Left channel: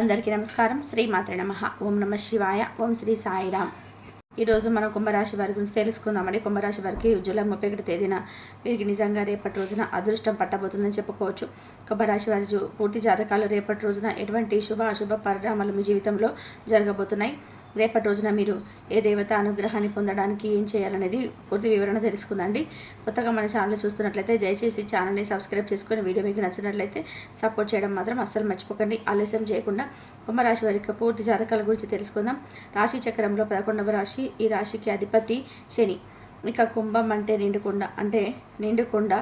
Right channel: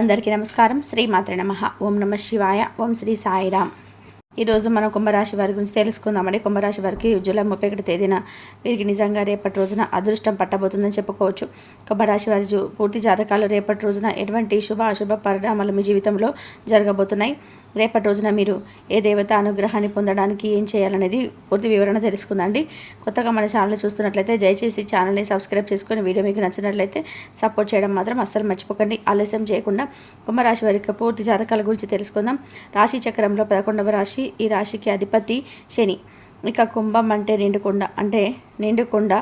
అందరికీ నమస్కారం. శ్రీమాత్ర నమ. ఓం నమ శివాయ. ఓం శ్రీ సాయిరామ్ ఈరోజు మనం కుంభరాశి వారి గురించి తెలుసుకుందామండి. కుంభరాశి వారికి జూలై ముప్పై ఒకటి తేదీన వీరికి నిజంగా రేపటి రోజున అదృష్టం పట్టబోతుందని చెప్పుకోవచ్చు. కుంభరాశి వారి పూర్తి జాతకాలు రేపటి రోజున ఎటువంటి శుభ అశుభ పరిణామాలు మీ జీవితంలో జరగబోతున్నాయి? రేపటి రోజున మీరు ఏ దేవత అనుగ్రహాన్ని పొందడానికి ఏం చేయాలనేది పూర్తి వివరణ తెలుసుకుందండి కొత్తగా మన ఛానల్ చూస్తున్నట్లయితే దయచేసి ఛానల్ని సబ్స్క్రైబ్ చేసుకుని వీడియో మీకు నచ్చినట్లయితే సపోర్ట్ చేయడం మాత్రం అస్సలు మర్చిపోకండి. ఆలస్యం చేయకుండా కుంభరాశి వారికి పూర్తి జాతకాల గురించి తెలుసుకుందాం. రాశి చక్రంలో పదకొండవ రాశి ఈ రాశికి అధిపతి శని. ఇక కుంభం అంటే నిండుకుండ. అంటే నిండుకుండ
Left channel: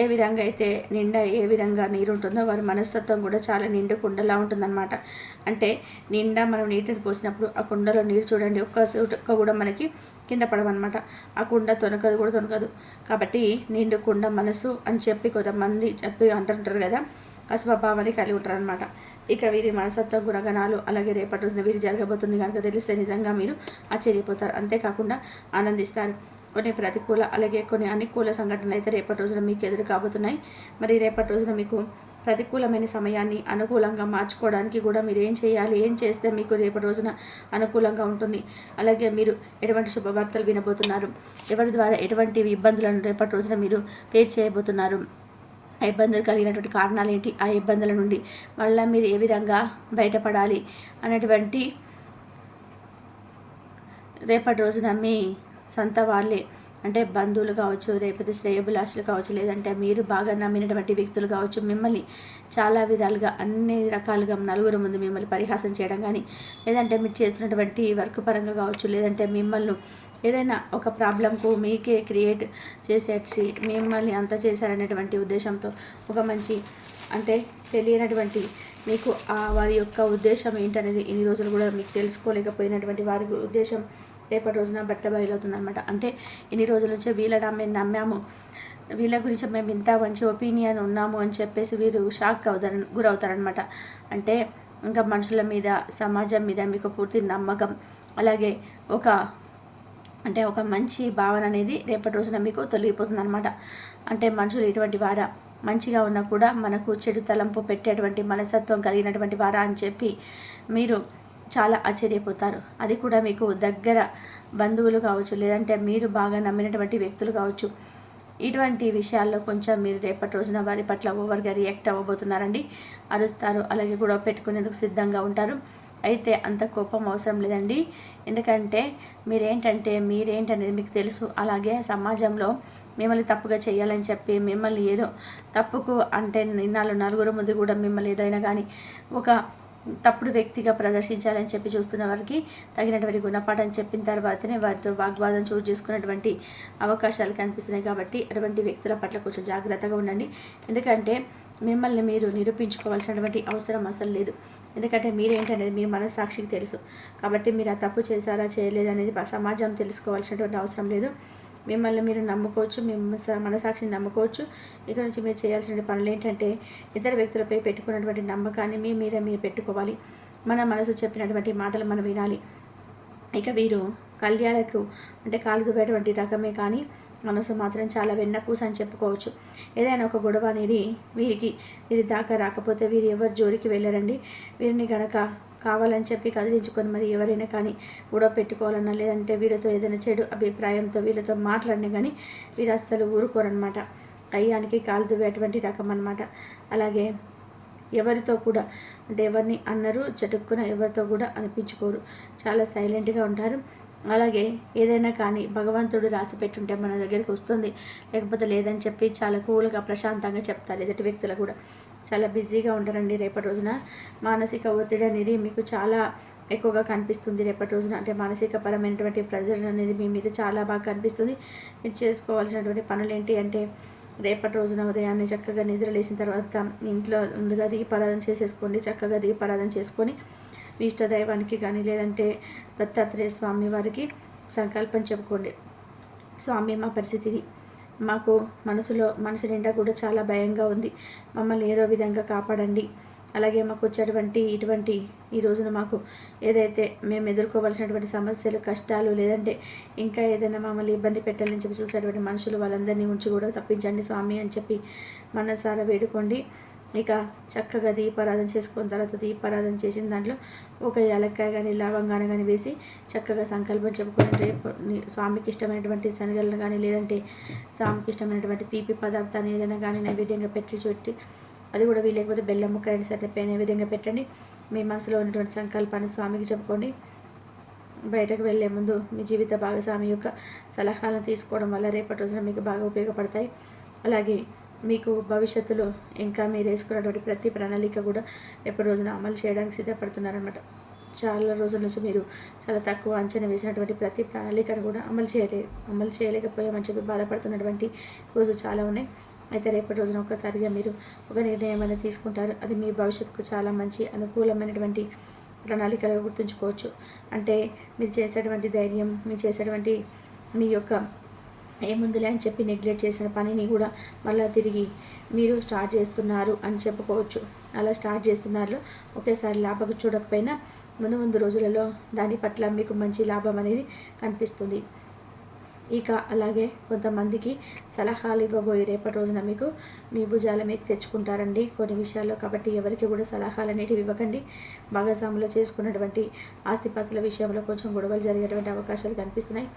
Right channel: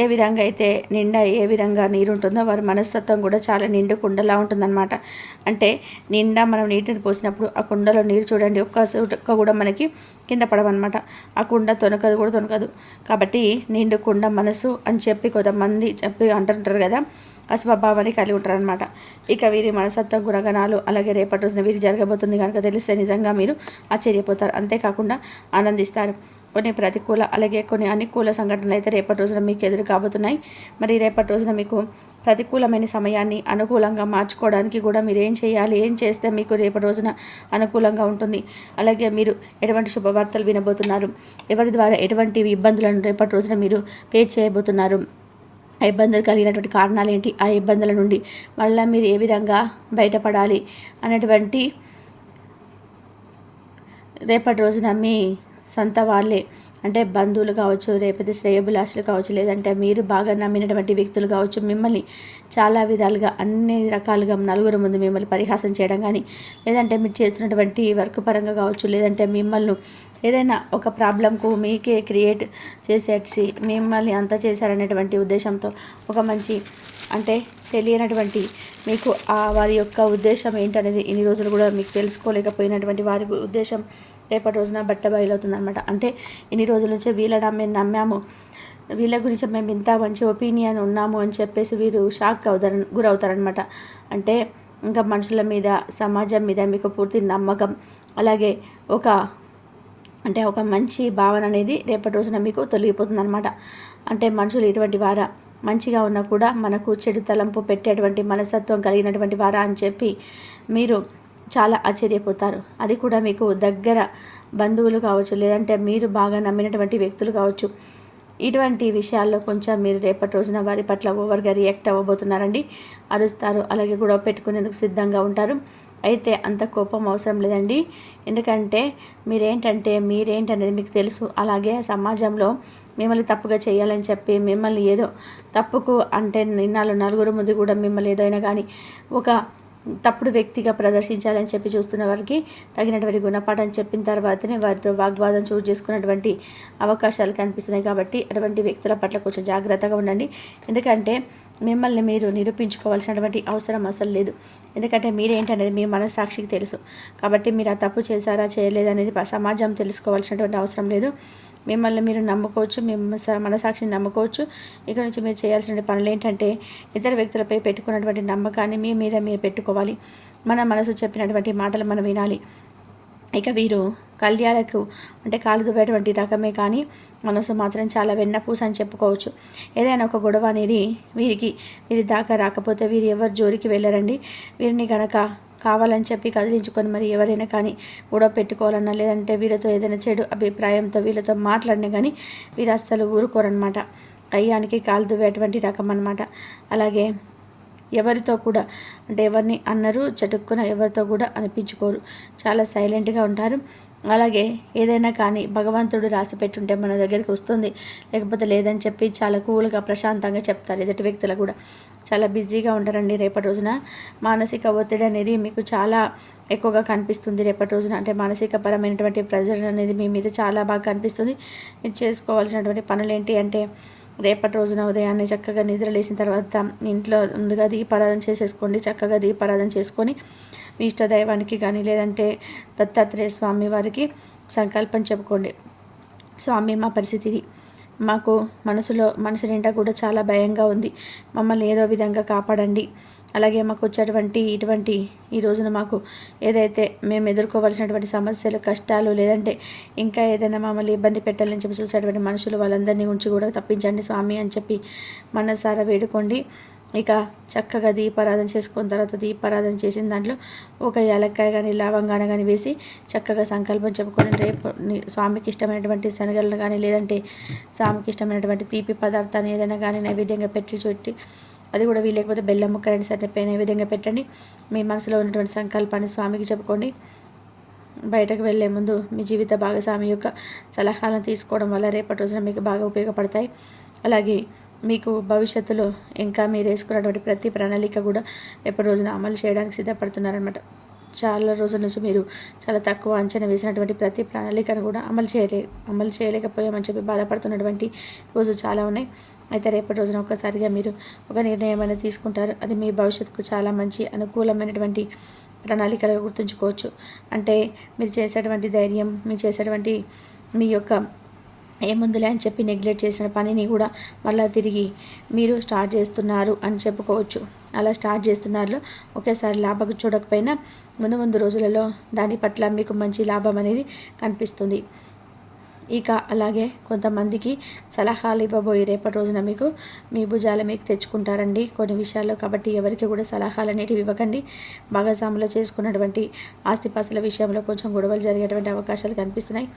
ఏ విధంగా అయితే నిండా ఏ విధంగా నీరు ఉంటుందో వారి మనస్తత్వం కూడా చాలా నిండు కుండలా ఉంటుందన్నమాట. అంటే నిండా మనం నీటిని పోసినప్పుడు ఆ కుండలో నీరు చూడండి ఒక్క చుక్క కూడా మనకి కింద పడవన్నమాట. ఆ కుండ తొనకదు కూడా తొనకదు. కాబట్టి నిండు కుండ మనసు అని చెప్పి కొంతమంది చెప్పి అంటుంటారు కదా ఆ స్వభావాన్ని కలిగి ఉంటారనమాట ఇక వీరి మనసత్వ గుణగణాలు అలాగే రేపటి రోజున వీరి జరగబోతుంది కనుక తెలిస్తే నిజంగా మీరు ఆశ్చర్యపోతారు. అంతేకాకుండా ఆనందిస్తారు. కొన్ని ప్రతికూల అలాగే కొన్ని అనుకూల సంఘటనలు అయితే రేపటి రోజున మీకు ఎదురు కాబోతున్నాయి. మరి రేపటి రోజున మీకు ప్రతికూలమైన సమయాన్ని అనుకూలంగా మార్చుకోవడానికి కూడా మీరు ఏం చేయాలి? ఏం చేస్తే మీకు రేపటి రోజున అనుకూలంగా ఉంటుంది? అలాగే మీరు ఎటువంటి శుభవార్తలు వినబోతున్నారు? ఎవరి ద్వారా ఎటువంటి ఇబ్బందులను రేపటి రోజున మీరు ఫేస్ చేయబోతున్నారు? ఆ ఇబ్బందులు కలిగినటువంటి కారణాలు ఏంటి? ఆ ఇబ్బందుల నుండి మళ్ళీ మీరు ఏ విధంగా బయటపడాలి? అనేటువంటి రేపటి రోజున మీ సొంత వాళ్ళే. అంటే బంధువులు కావచ్చు లేకపోతే శ్రేయభిలాషులు కావచ్చు లేదంటే మీరు బాగా నమ్మినటువంటి వ్యక్తులు కావచ్చు మిమ్మల్ని చాలా విధాలుగా అన్ని రకాలుగా నలుగురు ముందు మిమ్మల్ని పరిహాసం చేయడం కానీ లేదంటే మీరు చేస్తున్నటువంటి వర్క్ పరంగా కావచ్చు లేదంటే మిమ్మల్ని ఏదైనా ఒక ప్రాబ్లంకు మీకే క్రియేట్ చేసేసి మిమ్మల్ని అంత చేశారనేటువంటి ఉద్దేశంతో ఒక మంచి అంటే తెలియనటువంటి మీకు ఆ వారి యొక్క ఉద్దేశం ఏంటనేది ఇన్ని రోజులు కూడా మీకు తెలుసుకోలేకపోయినటువంటి వారి ఉద్దేశం రేపటి రోజున బట్ట బయలవుతుంది అనమాట అంటే ఇన్ని రోజుల నుంచి వీళ్ళ మేము నమ్మాము. వీళ్ళ గురించి మేము ఇంత మంచి ఒపీనియన్ ఉన్నాము అని చెప్పేసి వీరు షాక్ అవుతారు గురవుతారనమాట అంటే ఇంకా మనుషుల మీద సమాజం మీద మీకు పూర్తి నమ్మకం. అలాగే ఒక అంటే ఒక మంచి భావన అనేది రేపటి రోజున మీకు తొలగిపోతుంది అనమాట అంటే మనుషులు ఇటువంటి వారా మంచిగా ఉన్నా కూడా మనకు చెడు తలంపు పెట్టేటువంటి మనసత్వం కలిగినటువంటి వారా అని చెప్పి మీరు చాలా ఆశ్చర్యపోతారు. అది కూడా మీకు దగ్గర బంధువులు కావచ్చు లేదంటే మీరు బాగా నమ్మినటువంటి వ్యక్తులు కావచ్చు. ఇటువంటి విషయాల్లో కొంచెం మీరు రేపటి రోజున వారి పట్ల ఓవర్గా రియాక్ట్ అవ్వబోతున్నారండి. అరుస్తారు అలాగే గొడవ పెట్టుకునేందుకు సిద్ధంగా ఉంటారు. అయితే అంత కోపం అవసరం లేదండి. ఎందుకంటే మీరేంటంటే మీరేంటనేది మీకు తెలుసు. అలాగే సమాజంలో మిమ్మల్ని తప్పుగా చేయాలని చెప్పి మిమ్మల్ని ఏదో తప్పుకు అంటే నిన్నాళ్ళు నలుగురు ముందు కూడా మిమ్మల్ని ఏదైనా కానీ ఒక తప్పుడు వ్యక్తిగా ప్రదర్శించాలని చెప్పి చూస్తున్న వారికి తగినటువంటి గుణపాఠం చెప్పిన తర్వాతనే వారితో వాగ్వాదం చోటు చేసుకున్నటువంటి అవకాశాలు కనిపిస్తున్నాయి కాబట్టి అటువంటి వ్యక్తుల పట్ల కొంచెం జాగ్రత్తగా ఉండండి. ఎందుకంటే మిమ్మల్ని మీరు నిరూపించుకోవాల్సినటువంటి అవసరం అసలు లేదు. ఎందుకంటే మీరేంటనేది మీ మనస్సాక్షికి తెలుసు. కాబట్టి మీరు ఆ తప్పు చేశారా చేయలేదనేది సమాజం తెలుసుకోవాల్సినటువంటి అవసరం లేదు. మిమ్మల్ని మీరు నమ్ముకోవచ్చు మేము మనసాక్షిని నమ్ముకోవచ్చు. ఇక్కడ నుంచి మీరు చేయాల్సిన పనులు ఏంటంటే ఇతర వ్యక్తులపై పెట్టుకున్నటువంటి నమ్మకాన్ని మీ మీద మీరు పెట్టుకోవాలి. మన మనసు చెప్పినటువంటి మాటలు మనం వినాలి. ఇక వీరు కళ్యాణకు అంటే కాలు దువ్వేటువంటి రకమే కానీ మనసు మాత్రం చాలా వెన్నపూస అని చెప్పుకోవచ్చు. ఏదైనా ఒక గొడవ అనేది వీరికి వీరి దాకా రాకపోతే వీరు ఎవరు జోలికి వెళ్ళరండి? వీరిని గనక కావాలని చెప్పి కదిలించుకొని మరి ఎవరైనా కానీ గొడవ పెట్టుకోవాలన్నా లేదంటే వీళ్ళతో ఏదైనా చెడు అభిప్రాయంతో వీళ్ళతో మాట్లాడినా కానీ వీరు అస్సలు ఊరుకోరనమాట కయ్యానికి కాలు దువ్వేటువంటి రకం అనమాట అలాగే ఎవరితో కూడా అంటే ఎవరిని అన్నారు చటుక్కున ఎవరితో కూడా అనిపించుకోరు. చాలా సైలెంట్గా ఉంటారు. అలాగే ఏదైనా కానీ భగవంతుడు రాసి పెట్టుంటే మన దగ్గరికి వస్తుంది. లేకపోతే లేదని చెప్పి చాలా కూల్గా ప్రశాంతంగా చెప్తారు ఎదుటి వ్యక్తులు కూడా. చాలా బిజీగా ఉంటారండి రేపటి రోజున. మానసిక ఒత్తిడి అనేది మీకు చాలా ఎక్కువగా కనిపిస్తుంది రేపటి రోజున. అంటే మానసిక పరమైనటువంటి ప్రెజర్ అనేది మీ మీద చాలా బాగా కనిపిస్తుంది. మీరు చేసుకోవాల్సినటువంటి పనులు ఏంటి అంటే రేపటి రోజున ఉదయాన్నే చక్కగా నిద్ర లేచిన తర్వాత ఇంట్లో ముందుగా దీపారాధన చేసేసుకోండి. చక్కగా దీపారాధన చేసుకొని మీ ఇష్టదైవానికి కానీ లేదంటే దత్తాత్రేయ స్వామి వారికి సంకల్పం చెప్పుకోండి. స్వామి మా పరిస్థితి మాకు మనసులో మనసు నిండా కూడా చాలా భయంగా ఉంది. మమ్మల్ని ఏదో విధంగా కాపాడండి. అలాగే మాకు వచ్చేటువంటి ఇటువంటి ఈ రోజున మాకు ఏదైతే మేము ఎదుర్కోవాల్సినటువంటి సమస్యలు కష్టాలు లేదంటే ఇంకా ఏదైనా మమ్మల్ని ఇబ్బంది పెట్టాలని చెప్పి చూసేటువంటి మనుషులు వాళ్ళందరినీ ఉంచి కూడా తప్పించండి స్వామి అని చెప్పి మనసారా వేడుకోండి. ఇక చక్కగా దీపారాధన చేసుకున్న తర్వాత దీపారాధన చేసిన దాంట్లో ఒక ఏలక్కాయ కానీ లవంగాన కానీ వేసి చక్కగా సంకల్పం చెప్పుకొని రేపు స్వామికి ఇష్టమైనటువంటి శనగలను కానీ లేదంటే స్వామికి ఇష్టమైనటువంటి తీపి పదార్థాన్ని ఏదైనా కానీ నైవేద్యంగా పెట్టి చుట్టి అది కూడా వీలేకపోతే బెల్లం ముక్క రెండు సరే నైవేద్యంగా పెట్టండి. మీ మనసులో ఉన్నటువంటి సంకల్పాన్ని స్వామికి చెప్పుకోండి. బయటకు వెళ్ళే ముందు మీ జీవిత భాగస్వామి యొక్క సలహాలను తీసుకోవడం వల్ల రేపటి రోజున మీకు బాగా ఉపయోగపడతాయి. అలాగే మీకు భవిష్యత్తులో ఇంకా మీరు వేసుకున్నటువంటి ప్రతి ప్రణాళిక కూడా రేపటి రోజున అమలు చేయడానికి సిద్ధపడుతున్నారనమాట చాలా రోజుల నుంచి మీరు చాలా తక్కువ అంచనా వేసినటువంటి ప్రతి ప్రణాళికను కూడా అమలు చేయలే అమలు చేయలేకపోయామని చెప్పి బాధపడుతున్నటువంటి రోజు చాలా ఉన్నాయి. అయితే రేపటి రోజున ఒక్కసారిగా మీరు ఒక నిర్ణయం అనేది తీసుకుంటారు. అది మీ భవిష్యత్తుకు చాలా మంచి అనుకూలమైనటువంటి ప్రణాళికలు గుర్తుంచుకోవచ్చు. అంటే మీరు చేసేటువంటి ధైర్యం మీరు చేసేటువంటి మీ యొక్క ఏముందిలే అని చెప్పి నెగ్లెక్ట్ చేసిన పనిని కూడా మళ్ళీ తిరిగి మీరు స్టార్ట్ చేస్తున్నారు అని చెప్పుకోవచ్చు. అలా స్టార్ట్ చేస్తున్నారు. ఒకేసారి లాభం చూడకపోయినా ముందు ముందు రోజులలో దాని పట్ల మీకు మంచి లాభం అనేది కనిపిస్తుంది. ఇక అలాగే కొంతమందికి సలహాలు ఇవ్వబోయి రేపటి రోజున మీకు మీ భుజాల మీకు తెచ్చుకుంటారండి కొన్ని విషయాల్లో. కాబట్టి ఎవరికి కూడా సలహాలు అనేటివి ఇవ్వకండి. భాగస్వాములు చేసుకున్నటువంటి ఆస్తిపాస్తుల విషయంలో కొంచెం గొడవలు జరిగేటువంటి అవకాశాలు కనిపిస్తున్నాయి.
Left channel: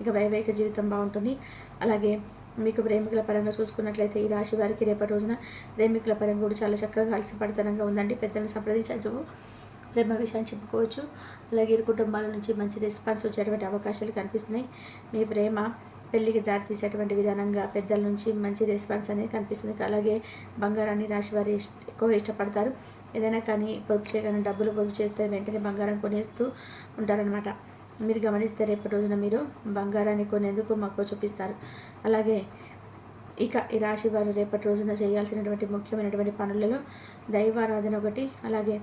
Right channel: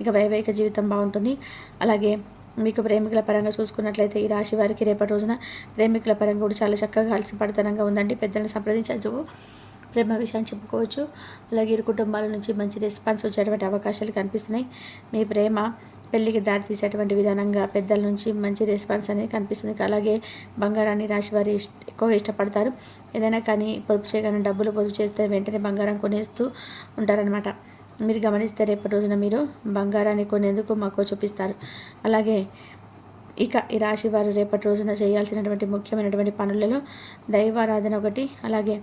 ఇక వైవాహిక జీవితం బాగుంటుంది. అలాగే మీకు ప్రేమికుల పరంగా చూసుకున్నట్లయితే ఈ రాశి వారికి రేపటి రోజున ప్రేమికుల పరంగా కూడా చాలా చక్కగా కలిసిపడతనంగా ఉందండి. పెద్దలను సంప్రదించచ్చు ప్రేమ విషయాన్ని చెప్పుకోవచ్చు. అలాగే ఇరు కుటుంబాల నుంచి మంచి రెస్పాన్స్ వచ్చేటువంటి అవకాశాలు కనిపిస్తున్నాయి. మీ ప్రేమ పెళ్ళికి దారి తీసేటువంటి విధానంగా పెద్దల నుంచి మంచి రెస్పాన్స్ అనేది కనిపిస్తుంది. అలాగే బంగారాన్ని రాశి వారి ఎక్కువగా ఇష్టపడతారు. ఏదైనా కానీ పొదుపు చేయగానే డబ్బులు పొదుపు చేస్తే వెంటనే బంగారం కొనేస్తూ ఉంటారనమాట మీరు గమనిస్తే రేపటి రోజున మీరు బంగారాన్ని కొనేందుకు మక్కువ చూపిస్తారు. అలాగే ఇక ఈ రాశి వారు రేపటి రోజున చేయాల్సినటువంటి ముఖ్యమైనటువంటి పనులలో దైవారాధన ఒకటి అలాగే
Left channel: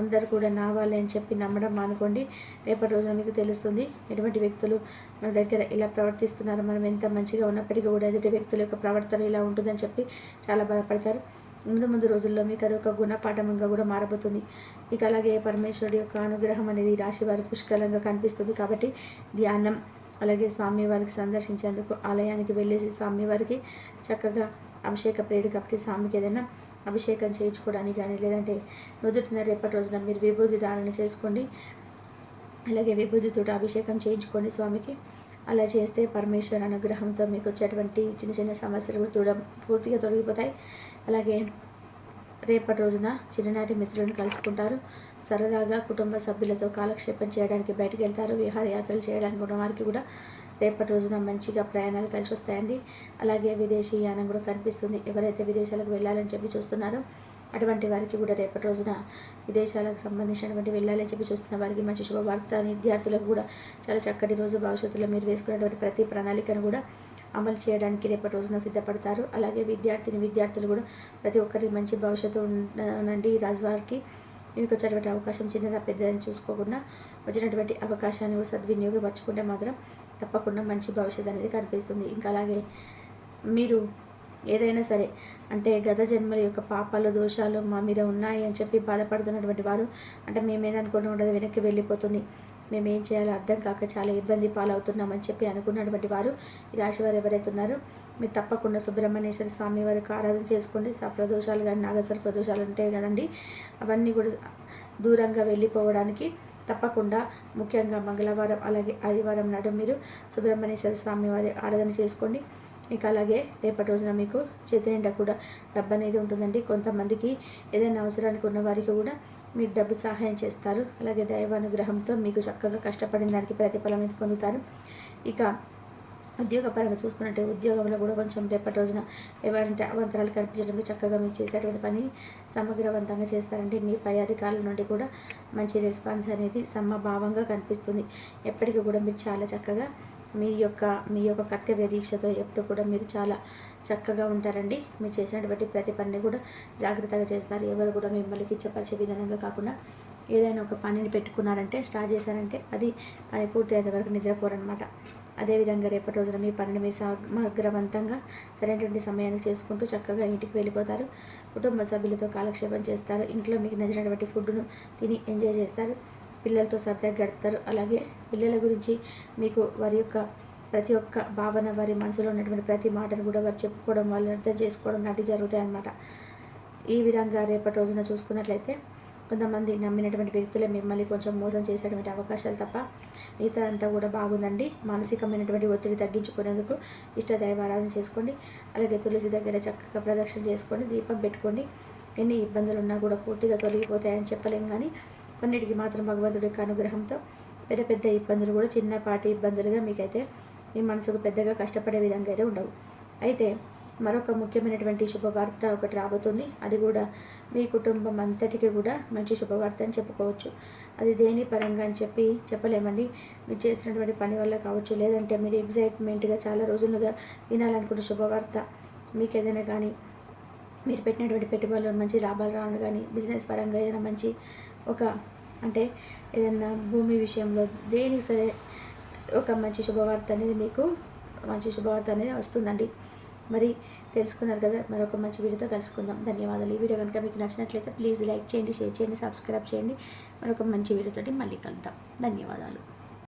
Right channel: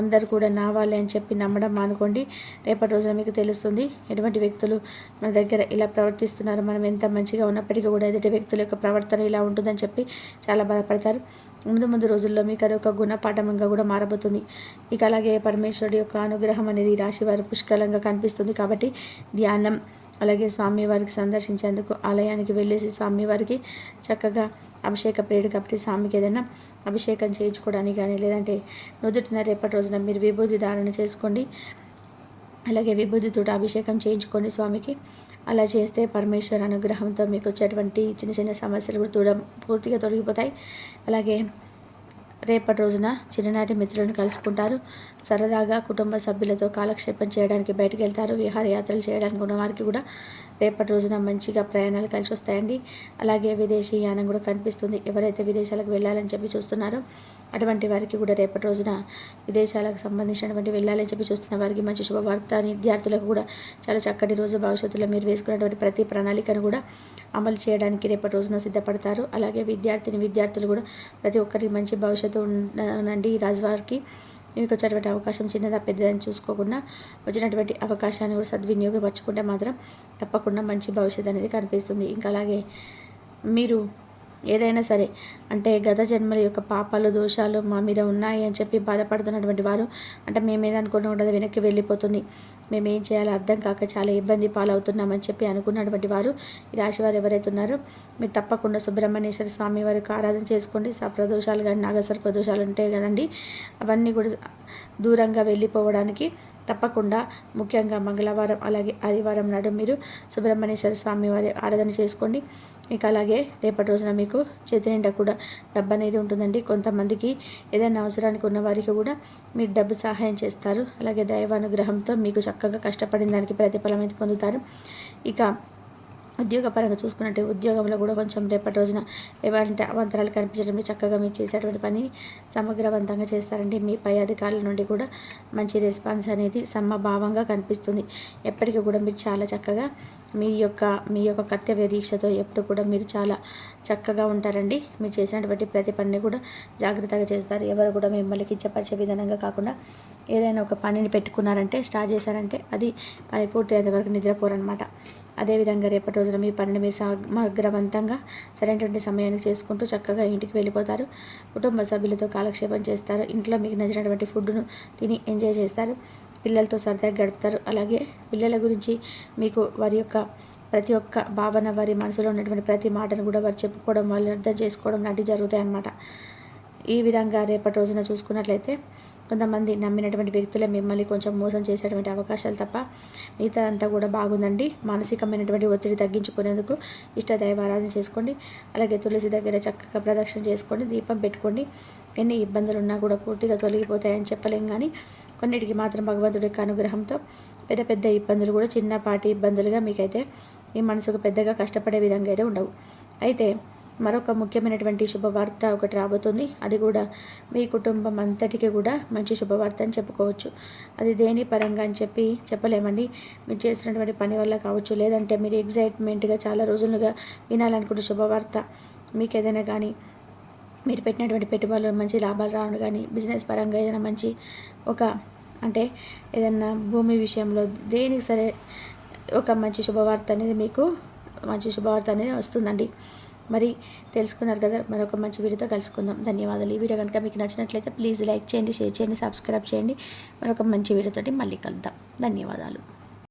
అందరు కూడా నావాలి అని చెప్పి నమ్మడం మానుకోండి. రేపటి రోజున మీకు తెలుస్తుంది ఎటువంటి వ్యక్తులు మన దగ్గర ఇలా ప్రవర్తిస్తున్నారు మనం ఎంత మంచిగా ఉన్నప్పటికీ కూడా ఎదుటి వ్యక్తుల యొక్క ప్రవర్తన ఇలా ఉంటుందని చెప్పి చాలా బాధపడతారు. ముందు ముందు రోజుల్లో మీకు అది ఒక గుణపాఠంగా కూడా మారబోతుంది. ఇక అలాగే పరమేశ్వరుడి యొక్క అనుగ్రహం అనేది రాశి వారి పుష్కలంగా కనిపిస్తుంది కాబట్టి ధ్యానం అలాగే స్వామివారికి సందర్శించేందుకు ఆలయానికి వెళ్ళేసి స్వామివారికి చక్కగా అభిషేక ప్రియుడు కాబట్టి స్వామికి ఏదైనా అభిషేకం చేయించుకోవడానికి కానీ లేదంటే నుదుటిన రేపటి రోజున మీరు విభూతి ధారణ చేసుకోండి. అలాగే విభూతితో అభిషేకం చేయించుకోండి స్వామికి. అలా చేస్తే పరమేశ్వర అనుగ్రహంతో మీకు వచ్చేటువంటి చిన్న చిన్న సమస్యలు కూడా పూర్తిగా తొలగిపోతాయి. అలాగే రేపటి రోజున చిన్ననాటి మిత్రులను కలుసుకుంటారు. సరదాగా కుటుంబ సభ్యులతో కాలక్షేపం చేయడానికి బయటకు వెళ్తారు విహారయాత్రలు చేయడానికి ఉన్న వారికి కూడా రేపటి రోజున మంచిగా ప్రయాణాలు కలిసి వస్తాయండి. అలాగే విదేశీ యానం కూడా కనిపిస్తుంది. ఎవరైతే విదేశాలకు వెళ్ళాలని చెప్పి చూస్తున్నారో అటువంటి వారికి కూడా రేపటి రోజున విదేశాలకు సంబంధించినటువంటి వెళ్ళాలని చెప్పి చూస్తున్న వారికి మంచి శుభవార్త విద్యార్థులకు కూడా చాలా చక్కటి రోజు భవిష్యత్తులో మీరు వేసుకున్నటువంటి ప్రతి ప్రణాళికను కూడా అమలు చేయడానికి రేపటి రోజున సిద్ధపడతారు. అలాగే విద్యార్థిని విద్యార్థులు కూడా ప్రతి ఒక్కరికి మంచి భవిష్యత్తు ఉండండి ఈ రాజువారికి. మీకు వచ్చేటువంటి అవకాశం చిన్నదా పెద్దదని చూసుకోకుండా వచ్చినటువంటి అవకాశాన్ని కూడా సద్వినియోగపరచుకుంటే మాత్రం తప్పకుండా మంచి భవిష్యత్తు అనేది కనిపిస్తుంది. ఇంకా అలాగే మీరు ఏదైనా సరే అంటే గత జన్మల యొక్క పాపాలు దోషాలు మా మీద ఉన్నాయి అని చెప్పి బాధపడుతున్నటువంటి వారు అంటే మేము ఏదనుకుంటూ ఉండదు వెనక్కి వెళ్ళిపోతుంది. మేము ఏం చేయాలో అర్థం కాక చాలా ఇబ్బంది పాలవుతున్నామని చెప్పి అనుకున్నటువంటి వారు ఈ రాశి వారు ఎవరైతే ఉన్నారో మీరు తప్పకుండా సుబ్రహ్మణ్యేశ్వర స్వామి వారికి ఆరాధన చేసుకోండి. సప్రదోషాలు కానీ నాగసర్ప ప్రదోషాలు ఉంటాయి కదండి. అవన్నీ కూడా దూరంగా వెళ్ళిపోవడానికి తప్పకుండా ముఖ్యంగా మంగళవారం అలాగే ఆదివారం నాడు మీరు సుబ్రహ్మణ్యేశ్వర స్వామి వారి ఆరాధన చేసుకోండి. ఇక అలాగే రేపటి రోజున మీకు చేతి నిండా కూడా డబ్బు అనేది ఉంటుందండి. కొంతమందికి ఏదైనా అవసరానికి ఉన్న వారికి కూడా మీరు డబ్బు సహాయం చేస్తారు. అలాగే దైవానుగ్రహంతో మీకు చక్కగా కష్టపడిన దానికి ప్రతిఫలం అయితే పొందుతారు. ఇక ఉద్యోగపరంగా చూసుకున్నట్టు ఉద్యోగంలో కూడా కొంచెం రేపటి రోజున ఎవరంటే అవంతరాలు కనిపించడంలో చక్కగా మీరు చేసేటువంటి పని సమగ్రవంతంగా చేస్తారండి. మీ పై అధికారుల నుండి కూడా మంచి రెస్పాన్స్ అనేది సమభావంగా కనిపిస్తుంది. ఎప్పటికీ కూడా మీరు చాలా చక్కగా మీ యొక్క మీ యొక్క కర్తవ్య దీక్షతో ఎప్పుడు కూడా మీరు చాలా చక్కగా ఉంటారండి. మీరు చేసినటువంటి ప్రతి పనిని కూడా జాగ్రత్తగా చేస్తారు. ఎవరు కూడా మిమ్మల్ని కించపరిచే విధానంగా కాకుండా ఏదైనా ఒక పనిని పెట్టుకున్నారంటే స్టార్ట్ చేశారంటే అది పని పూర్తి అయ్యే వరకు నిద్రపోరనమాట అదేవిధంగా రేపటి రోజున మీ పనిని మీరు సమగ్రవంతంగా సరైనటువంటి సమయానికి చేసుకుంటూ చక్కగా ఇంటికి వెళ్ళిపోతారు. కుటుంబ సభ్యులతో కాలక్షేపం చేస్తారు. ఇంట్లో మీకు నచ్చినటువంటి ఫుడ్ను తిని ఎంజాయ్ చేస్తారు. పిల్లలతో సరదాగా గడుపుతారు. అలాగే పిల్లల గురించి మీకు వారి యొక్క ప్రతి ఒక్క భావన వారి మనసులో ఉన్నటువంటి ప్రతి మాటను కూడా వారు చెప్పుకోవడం వాళ్ళు అర్థం చేసుకోవడం లాంటివి జరుగుతాయి అన్నమాట. ఈ విధంగా రేపటి రోజున చూసుకున్నట్లయితే కొంతమంది నమ్మినటువంటి వ్యక్తులే మిమ్మల్ని కొంచెం మోసం చేసేటువంటి అవకాశాలు తప్ప మిగతాదంతా కూడా బాగుందండి. మానసికమైనటువంటి ఒత్తిడి తగ్గించుకునేందుకు ఇష్ట ఆరాధన చేసుకోండి. అలాగే తులసి దగ్గర చక్కగా ప్రదక్షిణ చేసుకోండి. దీపం పెట్టుకోండి. ఎన్ని ఇబ్బందులు ఉన్నా కూడా పూర్తిగా తొలగిపోతాయని చెప్పలేం కానీ కొన్నిటికి మాత్రం భగవంతుడి యొక్క అనుగ్రహంతో పెద్ద పెద్ద ఇబ్బందులు కూడా చిన్నపాటి ఇబ్బందులుగా మీకైతే మీ మనసుకు పెద్దగా కష్టపడే విధంగా అయితే ఉండవు. అయితే మరొక ముఖ్యమైనటువంటి శుభవార్త ఒకటి రాబోతుంది. అది కూడా మీ కుటుంబం అంతటికి కూడా మంచి శుభవార్త అని చెప్పుకోవచ్చు. అది దేని పరంగా అని చెప్పి చెప్పలేమండి. మీరు చేసినటువంటి పని వల్ల కావచ్చు లేదంటే మీరు ఎగ్జైట్మెంట్గా చాలా రోజులుగా వినాలనుకున్న శుభవార్త మీకు ఏదైనా కానీ మీరు పెట్టినటువంటి పెట్టుబడులు మంచి లాభాలు రావడం కానీ బిజినెస్ పరంగా ఏదైనా మంచి ఒక అంటే ఏదైనా భూమి విషయంలో దేనికి సరే ఒక మంచి శుభవార్త అనేది మీకు మంచి శుభవార్త అనేది వస్తుందండి. మరి తెలుసుకున్నారు కదా మరొక మంచి వీడియోతో కలుసుకుందాం. ధన్యవాదాలు. ఈ వీడియో కనుక మీకు నచ్చినట్లయితే ప్లీజ్ లైక్ చేయండి షేర్ చేయండి సబ్స్క్రైబ్ చేయండి. మరొక మంచి వీడియోతో మళ్ళీ కలుద్దాం. ధన్యవాదాలు.